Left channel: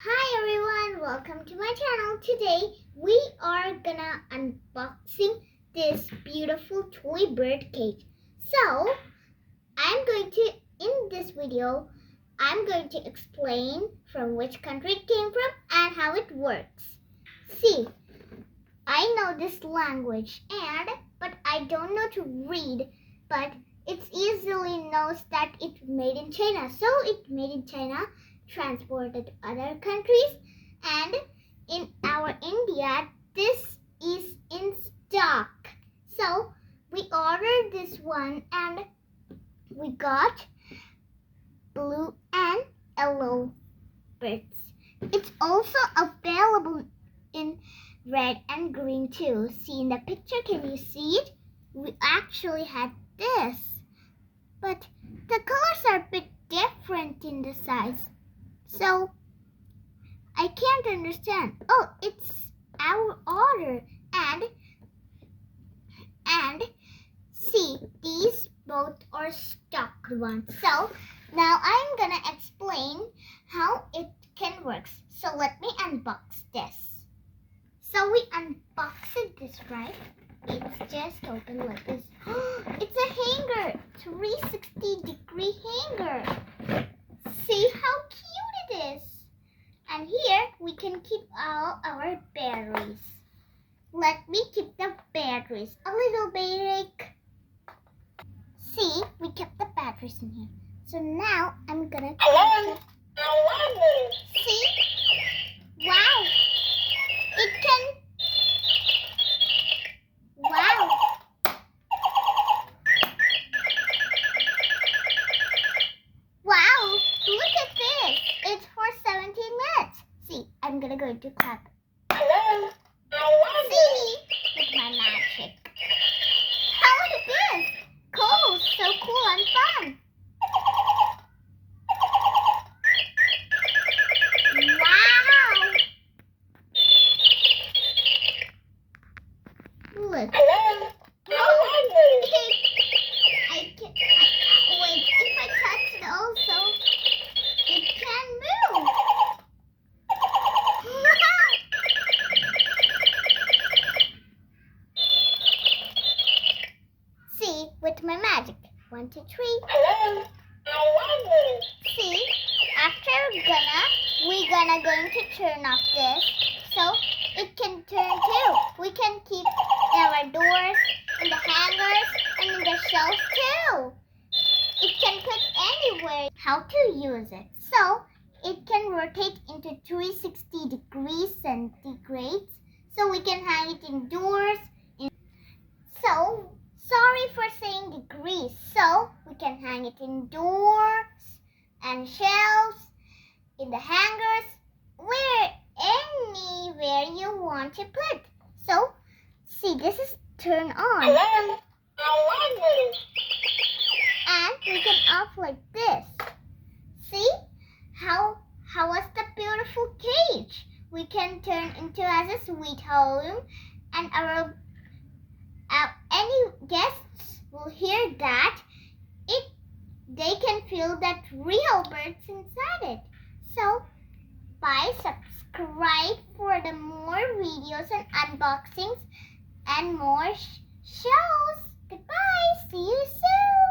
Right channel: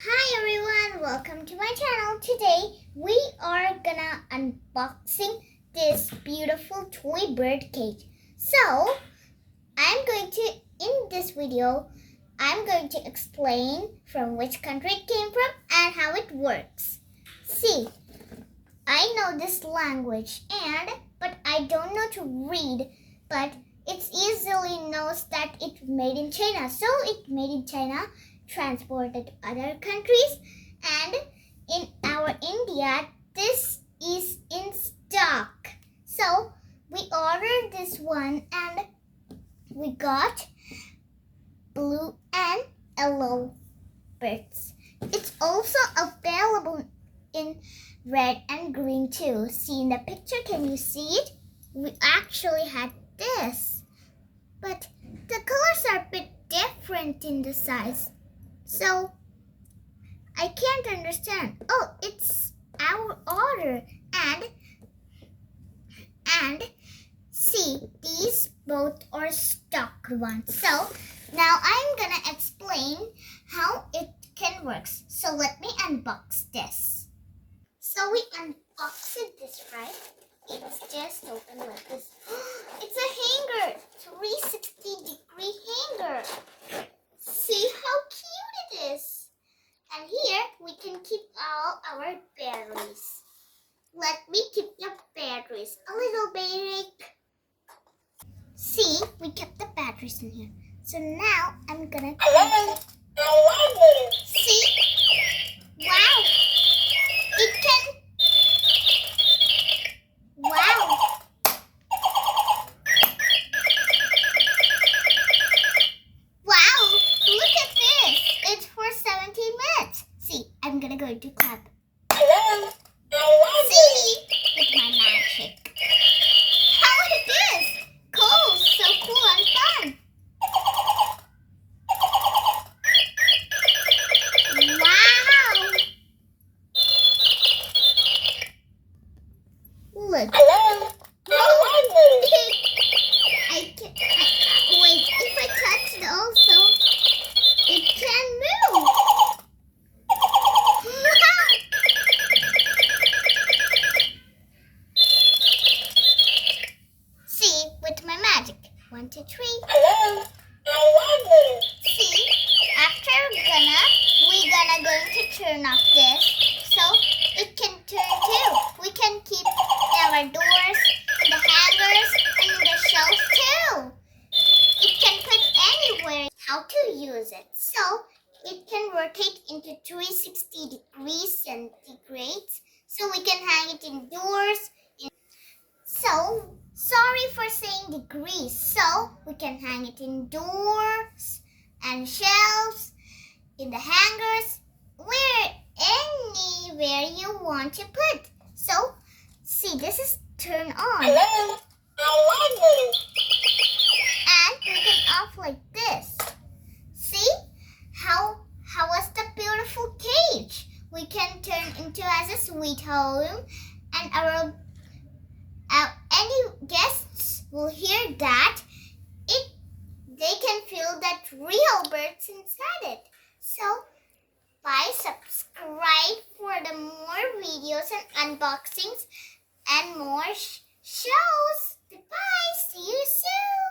Hi everyone, welcome to my channel. Today we are gonna unboxing this beautiful toy bird cage. So in this video, I'm going to explain from which country it came from and how it works. See, I know this language but I don't know to read, but it easily knows that it's made in China. So it's made in China, transported to other countries, and in our India this is in stock. So we ordered this one and we got blue and yellow birds. It's also available in red and green too. See in the picture, can you see it? We actually had this, but the colors are a bit different in the size. So, I can't understand. Oh, it's our order. And see, these both are stock ones. So, now I'm gonna explain how it can work. So, let me unbox this. So, we unboxed this, right? It's just open like this. It's a hanger, 360-degree hanger. See how cute it is. And here we can keep all our batteries. Let me keep the batteries a little bit. See, we kept the batteries in here. So now I'm gonna see. Wow. It can. Wow. Wow, look at this. It's for 17 minutes. See, I'm gonna go to clap. Hello, I love See, with my magic. How it is. Cool, so cool and fun. Wow. Look. Hello, I love Wait, if I touch it also, it can move. See, with my magic. 1, 2, 3. Hello, I love See, after we're gonna going to turn off this, so it can turn too. We can keep our doors, in the hangers, and in the shelves too. It can put anywhere. How to use it? So it can rotate into 360 degrees centigrades, so we can hang it indoors. So sorry for saying degrees. So we can hang it indoors and shelves, in the hangers, anywhere you want to put. So see, this is turn on. Hello, I love And we can off like this. See how was the beautiful cage? We can turn into as a sweet home, and our any guests will hear that they can feel that real birds inside it. So bye, subscribe for the more videos and unboxings and more shows. Goodbye, see you soon.